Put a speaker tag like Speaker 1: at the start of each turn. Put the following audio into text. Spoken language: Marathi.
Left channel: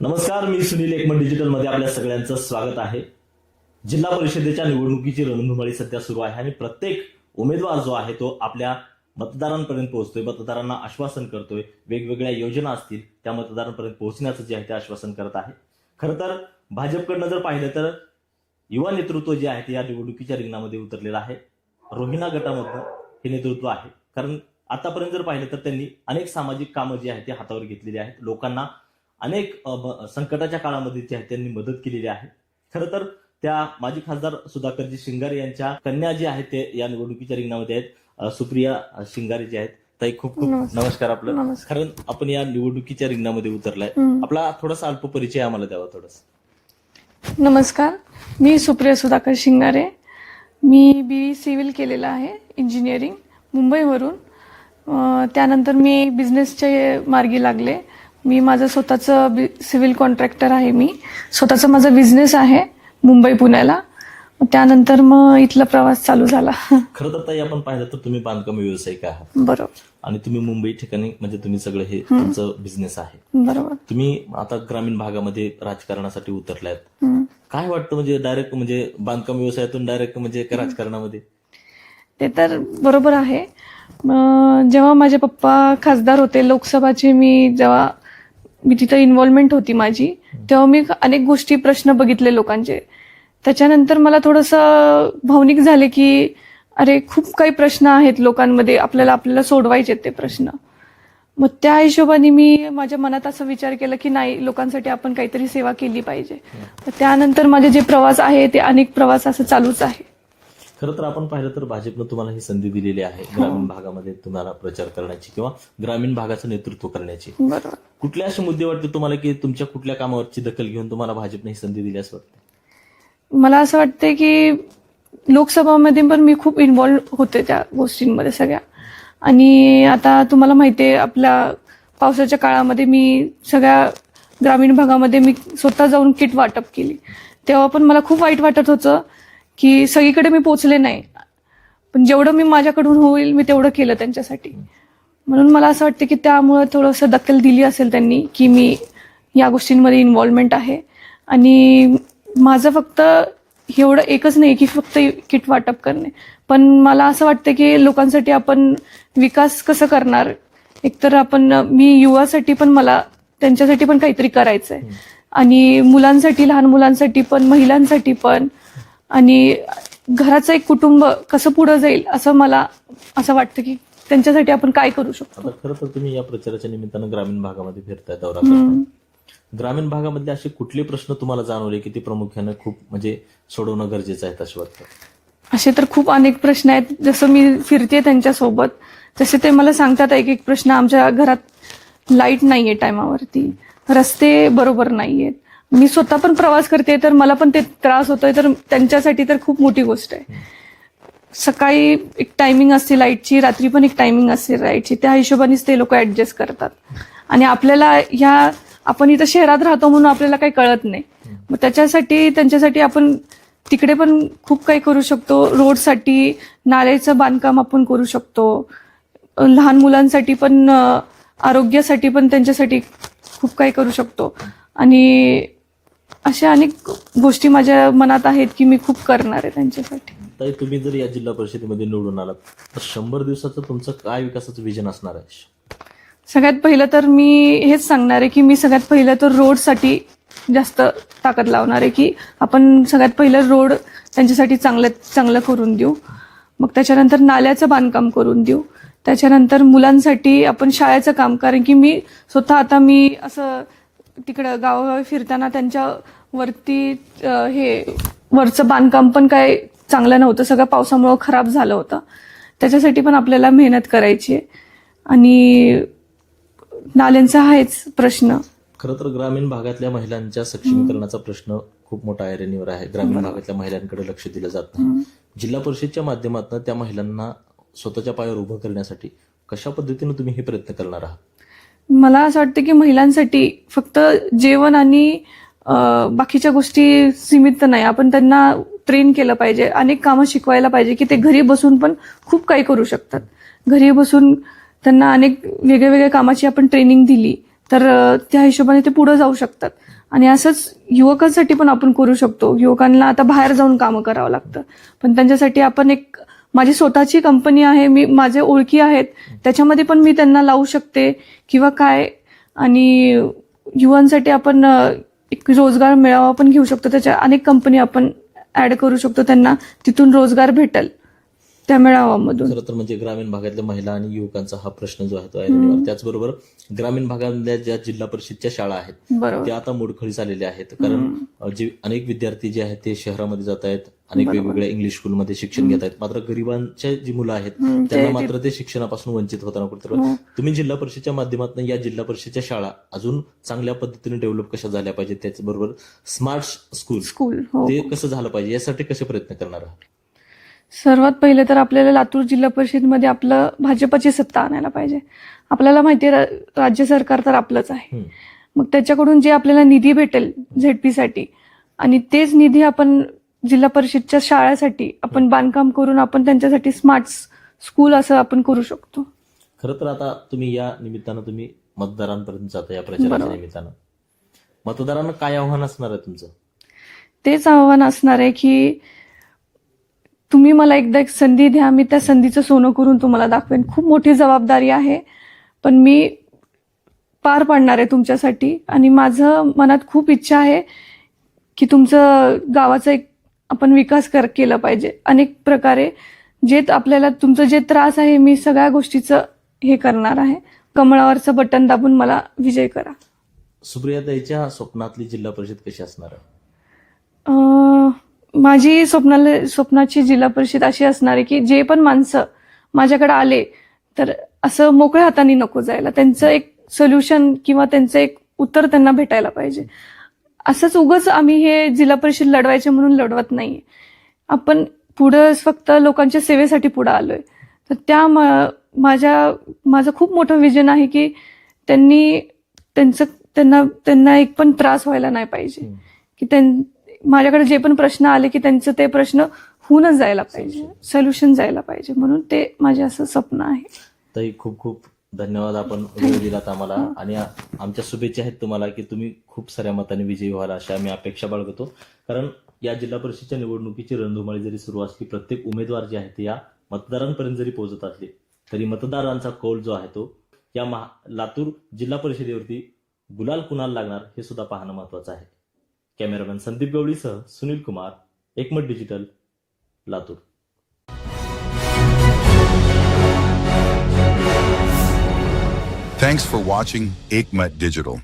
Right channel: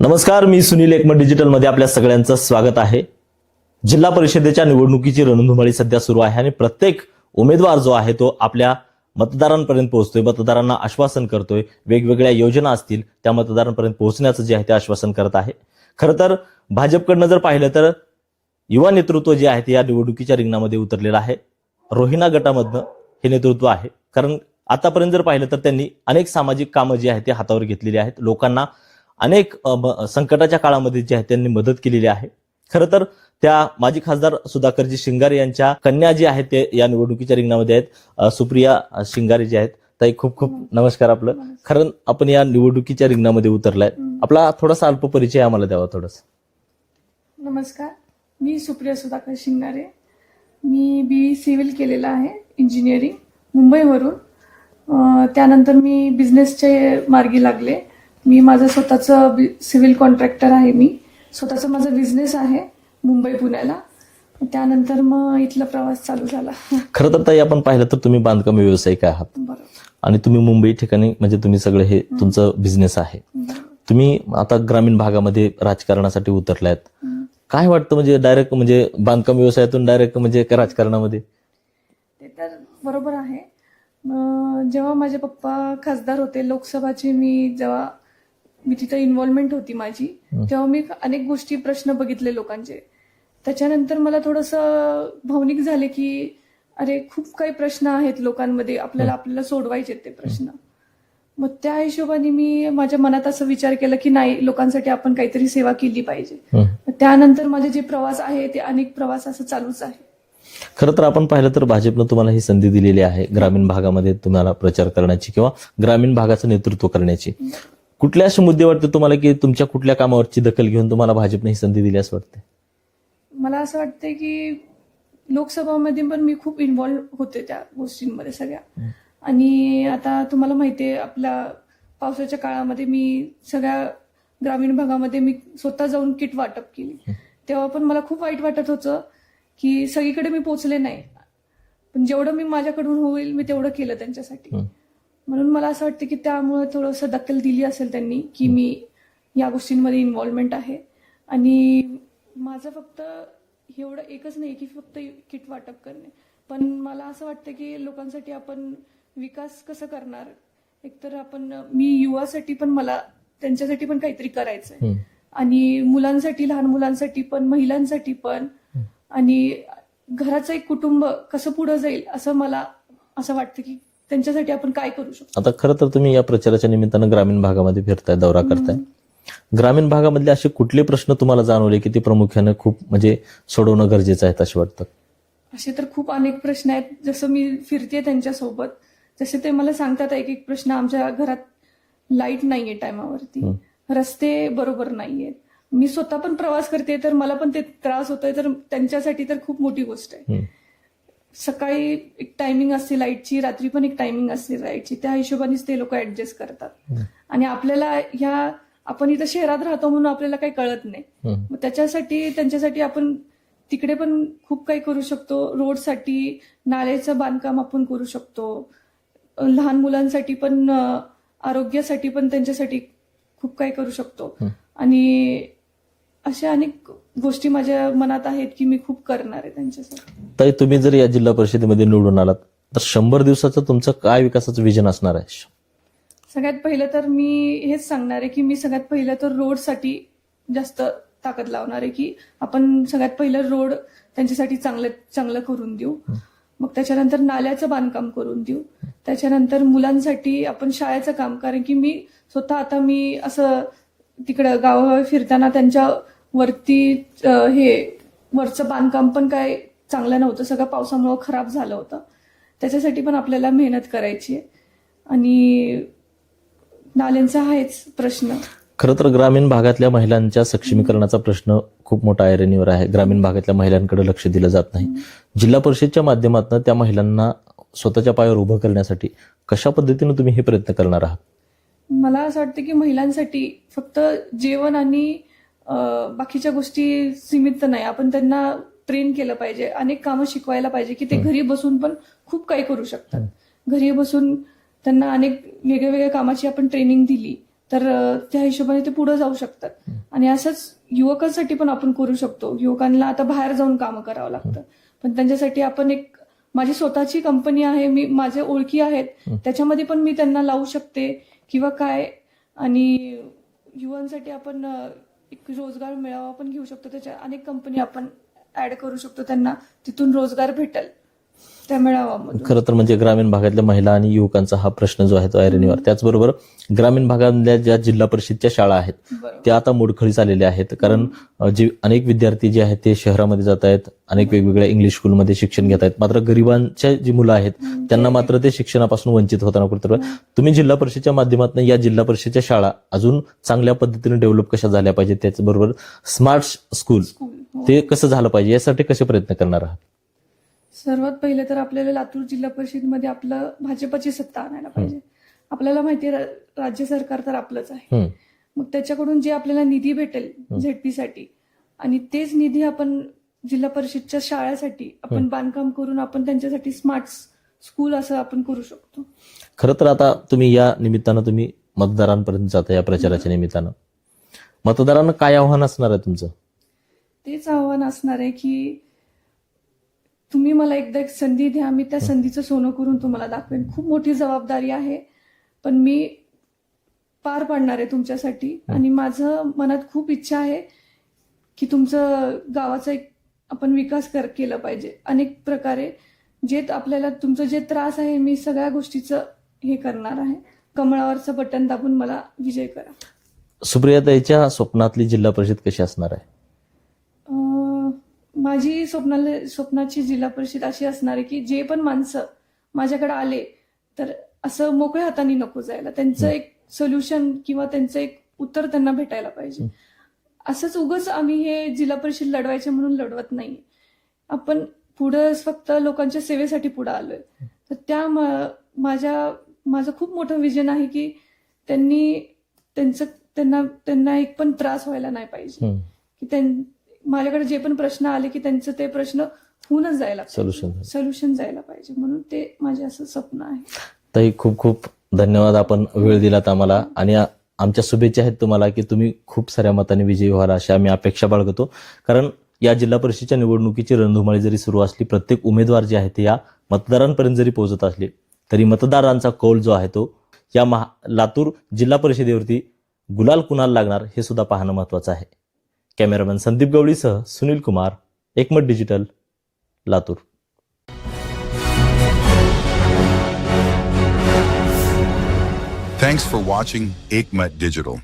Speaker 1: नमस्कार मी सुनील एकमत डिजिटलमध्ये आपल्या सगळ्यांचं स्वागत आहे. जिल्हा परिषदेच्या निवडणुकीची रणधुमाळी सध्या सुरू आहे आणि प्रत्येक उमेदवार जो आहे तो आपल्या मतदारांपर्यंत पोहोचतोय मतदारांना आश्वासन करतोय. वेगवेगळ्या योजना असतील त्या मतदारांपर्यंत पोहोचण्याचं जे आहे ते आश्वासन करत आहे. खरं तर भाजपकडनं जर पाहिलं तर युवा नेतृत्व जे आहे ते या निवडणुकीच्या रिंगणामध्ये उतरलेलं आहे. रोहिणा गटामधनं हे नेतृत्व आहे. कारण आतापर्यंत जर पाहिलं तर त्यांनी अनेक सामाजिक कामं जी आहेत ते हातावर घेतलेली आहेत. लोकांना अनेक संकटाच्या काळामध्ये जे आहे त्यांनी मदत केलेली आहे. खरं तर त्या माजी खासदार सुधाकरजी शिंगारे यांच्या कन्या जे आहेत ते या निवडणुकीच्या रिंगणामध्ये आहेत. सुप्रिया शिंगारे जे आहेत ताई खूप खूप
Speaker 2: नमस्कार.
Speaker 1: आपलं. कारण आपण या निवडणुकीच्या रिंगणामध्ये उतरलाय. आपला थोडासा अल्प परिचय आम्हाला द्यावा थोडासा.
Speaker 2: नमस्कार. मी सुप्रिया सुधाकर शिंगारे. मी बी सिव्हिल केलेलं आहे इंजिनिअरिंग मुंबईवरून. त्यानंतर मी बिझनेसचे मार्गी लागले. मी माझं स्वतःचं सिव्हिल कॉन्ट्रॅक्टर आहे मी. स्वतःचा माझा बिझनेस आहे मुंबई पुण्याला. त्यानंतर मग इथला प्रवास चालू झाला.
Speaker 1: खरं तर ताई आपण पाहिलं तर तुम्ही बांधकाम व्यावसायिक आहात.
Speaker 2: बरोबर.
Speaker 1: आणि तुम्ही मुंबई ठिकाणी म्हणजे तुम्ही सगळं हे तुमचं बिझनेस आहे.
Speaker 2: बरोबर.
Speaker 1: तुम्ही आता ग्रामीण भागामध्ये राजकारणासाठी उतरलायत. काय वाटतं म्हणजे डायरेक्ट म्हणजे बांधकाम व्यवसायातून डायरेक्ट म्हणजे राजकारणामध्ये?
Speaker 2: ते तर बरोबर आहे. जेव्हा माझे पप्पा खासदार होते लोकसभाचे मी जेव्हा मी तिथं इन्व्हॉल्वमेंट होती माझी. तेव्हा मी अनेक गोष्टी प्रश्न बघितले लोकांचे. त्याच्यानंतर मला थोडंसं भावनिक झाले की अरे खूप काही प्रश्न आहेत लोकांमध्ये. आपल्याला आपल्याला सोडवायचे ते प्रश्न. मग त्या हिशोबाने मी माझ्या मनात असं विचार केला की नाही लोकांसाठी आपण काहीतरी सेवा केली पाहिजे. त्यानंतर माझे जे प्रवास आहे ते अनेक प्रवास असं चालूच आहे.
Speaker 1: खरं तर आपण पाहिलं तर भाजपनं तुम्हाला ही संधी दिलेली आहे ग्रामीण भागामध्ये तुम्हाला प्रचार करण्याची किंवा ग्रामीण भागाचं नेतृत्व करण्याची.
Speaker 2: बरोबर
Speaker 1: कुठल्या असे मुद्दे वाटते तुम्हाला की तुमच्या कुठल्या कामावरची दखल घेऊन तुम्हाला भाजपने ही संधी दिली असं वाटते
Speaker 2: मला असं वाटतंय की लोकसभामध्ये पण मी खूप इन्व्हॉल्व होते त्या गोष्टींमध्ये सगळ्या. आणि आता तुम्हाला माहिती आहे आपल्या पावसाच्या काळामध्ये मी सगळ्या ग्रामीण भागामध्ये मी स्वतः जाऊन किट वाटप केली. तेव्हा पण मला खूप वाईट वाटत होतं की सगळीकडे मी पोचले नाही. पण जेवढं मी माझ्याकडून होईल मी तेवढं केलं त्यांच्यासाठी. म्हणून मला असं वाटतं की त्यामुळं थोडंसं दखल दिली असेल त्यांनी की मी या गोष्टींमध्ये इन्व्हॉल्वमेंट आहे. आणि माझं फक्त एवढं एकच नाही की फक्त किट वाटप करणे. पण मला असं वाटतं की लोकांसाठी आपण विकास कसं करणार? एकतर आपण मी युवासाठी पण मला त्यांच्यासाठी पण काहीतरी करायचं आहे. आणि मुलांसाठी लहान मुलांसाठी पण महिलांसाठी पण. आणि घराचं एक कुटुंब कसं पुढं जाईल असं मला असं वाटतं की त्यांच्यासाठी आपण काय करू शकतो?
Speaker 1: आता खरं तर तुम्ही या प्रचाराच्या निमित्तानं ग्रामीण भागामध्ये फिरताय दौरा करताय. ग्रामीण भागामधले असे कुठले प्रश्न तुम्हाला जाणवले की ते प्रामुख्याने खूप म्हणजे सोडवणं गरजेचं आहे असे वाटतं?
Speaker 2: असे तर खूप अनेक प्रश्न आहेत. जसं मी फिरते त्यांच्यासोबत तसे ते मला सांगतात एक एक प्रश्न आमच्या घरात लाइट नाहीये टायमावरती. रस्ते बरोबर नाहीयेत. मी स्वतः पण प्रवास करते तर मला पण ते त्रास होतोय तर त्यांच्यासाठी तर खूप मोठी गोष्ट आहे. सकाळी एक टायमिंग असते लाईटची रात्री पण एक टायमिंग असते लाईटची त्या हिशोबानेच ते लोक ऍडजस्ट करतात. आणि आपल्याला ह्या आपण इथं शहरात राहतो म्हणून आपल्याला काही कळत नाही. मग त्याच्यासाठी त्यांच्यासाठी आपण तिकडे पण खूप काही करू शकतो. रोडसाठी नाल्याचं बांधकाम आपण करू शकतो. लहान मुलांसाठी पण आरोग्यासाठी पण त्यांच्यासाठी खूप काही करू शकतो. आणि अशा अनेक गोष्टी माझ्या मनात आहेत की मी खूप करणार आहे त्यांच्यासाठी.
Speaker 1: ताई तुम्ही जर या जिल्हा परिषदेमध्ये निवडून आलात तर शंभर दिवसाचं तुमचं काय विकासाचं विजन असणार आहे?
Speaker 2: सगळ्यात पहिलं तर मी हेच सांगणार आहे की मी सगळ्यात पहिलं तर रोडसाठी जास्त ताकद लावणार आहे की आपण सगळ्यात पहिलं रोड त्यांच्यासाठी चांगलं चांगलं करून देऊ. मग त्याच्यानंतर नाल्याचं बांधकाम करून देऊ. त्याच्यानंतर मुलांसाठी आपण शाळेचं काम कारण की मी स्वतः आता मी असं तिकडं गावागावी फिरताना त्यांच्या वरती अं, हे वरचं बांधकाम पण काय चांगलं नव्हतं. सगळं पावसामुळं खराब झालं होतं. त्याच्यासाठी पण आपल्याला मेहनत करायची आहे. आणि नाल्यांचा आहेच प्रश्न.
Speaker 1: खरं तर ग्रामीण भागातल्या महिलांच्या सक्षमीकरणाचा प्रश्न खूप मोठा ऐरणीवर आहे. ग्रामीण भागातल्या महिलांकडे लक्ष दिलं जात नाही. जिल्हा परिषदच्या माध्यमातून त्या महिलांना स्वतःच्या पायावर उभं करण्यासाठी कशा पद्धतीने तुम्ही हे प्रयत्न करणार आहात?
Speaker 2: मला असं वाटतं की महिलांसाठी फक्त जेवण आणि बाकीच्या गोष्टी सीमित नाही. आपण त्यांना ट्रेन केलं पाहिजे. अनेक कामं शिकवायला पाहिजे की ते घरी बसून पण खूप काही करू शकतात. घरी बसून त्यांना अनेक वेगळ्या वेगळ्या कामाची आपण ट्रेनिंग दिली तर त्या हिशोबाने ते पुढे जाऊ शकतात. आणि असंच युवकांसाठी पण आपण करू शकतो. युवकांना आता बाहेर जाऊन कामं करावं लागतं. पण त्यांच्यासाठी आपण एक माझी स्वतःची कंपनी आहे मी माझे ओळखी आहेत. त्याच्यामध्ये पण मी त्यांना लावू शकते किंवा काय. आणि युवांसाठी आपण एक रोजगार मेळावा पण घेऊ शकतो. त्याच्या अनेक कंपनी आपण ऍड करू शकतो. त्यांना तिथून रोजगार भेटेल. त्या मेळाव्यामधून.
Speaker 1: खरं तर म्हणजे ग्रामीण भागातल्या महिला आणि युवकांचा हा प्रश्न जो आहे तो ऐरणीवर. त्याचबरोबर ग्रामीण भागातल्या ज्या जिल्हा परिषदच्या शाळा आहेत त्या आता मोडखळीस आलेल्या आहेत. कारण जे अनेक विद्यार्थी जे आहेत ते शहरामध्ये जात आहेत अनेक वेगवेगळ्या इंग्लिश स्कूलमध्ये शिक्षण घेत आहेत. मात्र गरिबांच्या जी मुलं आहेत त्यांना मात्र ते शिक्षणापासून वंचित होताना कुठेतरी तुम्ही जिल्हा परिषदच्या माध्यमातून या जिल्हा परिषदच्या शाळा अजून चांगल्या पद्धतीने डेव्हलप कशा झाल्या पाहिजेत? त्याचबरोबर स्मार्ट स्कूल
Speaker 2: स्कूल हो.
Speaker 1: ते कसं झालं पाहिजे? यासाठी कसे प्रयत्न करणार आहात?
Speaker 2: सर्वात पहिले तर आपल्याला लातूर जिल्हा परिषदमध्ये आपलं भाजपची सत्ता आणायला पाहिजे. आपल्याला माहिती आहे राज्य सरकार तर आपलंच आहे. मग त्याच्याकडून जे आपल्याला निधी भेटेल झेडपी साठी आणि तेच निधी आपण जिल्हा परिषदच्या शाळेसाठी आपण बांधकाम करून आपण त्यांच्यासाठी स्मार्ट स्कूल असं आपण करू शकतो.
Speaker 1: खरं तर आता तुम्ही या निमित्तानं तुम्ही मतदारांपर्यंत जाता या प्रचाराच्या. निमित्तानं. मतदारांना काय आव्हान असणार आहे तुमचं?
Speaker 2: तेच आव्हान असणार आहे की तुम्ही मला एकदा एक संधी द्या मी त्या संधीचं सोनं करून तुम्हाला दाखवेन. खूप मोठी जबाबदारी आहे पण मी पार पाडणार आहे तुमच्यासाठी. आणि माझं मनात खूप इच्छा आहे की तुमचं गावाचा एक आपण विकास कर केला पाहिजे. अनेक प्रकारे जे आपल्याला तुमचं जे त्रास आहे मी सगळ्या गोष्टीचं हे करणार आहे. कमळावरचं बटन दाबून मला विजय करा.
Speaker 1: सुप्रियाताईच्या स्वप्नातली जिल्हा परिषद कशी असणार आहे?
Speaker 2: माझी स्वप्नाला स्वप्नाची जिल्हा परिषद अशी असणार आहे की जे पण माणसं माझ्याकडे आले तर असं मोकळ्या हाताने नको जायला. त्यांचं एक सोल्युशन किंवा त्यांचं एक उत्तर त्यांना भेटायला पाहिजे. असंच उगच आम्ही हे जिल्हा परिषद लढवायचे म्हणून लढवत नाहीये. आपण पुढं फक्त लोकांच्या सेवेसाठी पुढं आलोय. तर त्या माझ्या माझं खूप मोठं विजन आहे की त्यांनी त्यांचं त्यांना त्यांना एक पण त्रास व्हायला नाही पाहिजे. की त्यां माझ्याकडे जे पण प्रश्न आले की त्यांचं ते प्रश्न होऊनच जायला पाहिजे.
Speaker 1: Solution.
Speaker 2: सोल्युशन जायला पाहिजे. म्हणून ते माझे असं स्वप्न आहे.
Speaker 1: ताई खूप खूप धन्यवाद आपण वेळ दिलात आम्हाला. आणि आ- आमच्या शुभेच्छा आहेत तुम्हाला की तुम्ही खूप साऱ्या मताने विजयी व्हाल अशा आम्ही अपेक्षा बाळगतो. कारण या जिल्हा परिषदेच्या निवडणुकीची रणधुमाळी जरी सुरू असली प्रत्येक उमेदवार जे आहे ते या मतदारांपर्यंत जरी पोहोचत असले तरी मतदारांचा कौल जो आहे तो या महा लातूर जिल्हा परिषदेवरती गुलाल कुणाला लागणार हे सुद्धा पाहणं महत्वाचं आहे. Cameraman Sandeep गवळीसह Sunil Kumar Ekmat digital Latur.
Speaker 3: Thanks for watching Ekmat digital.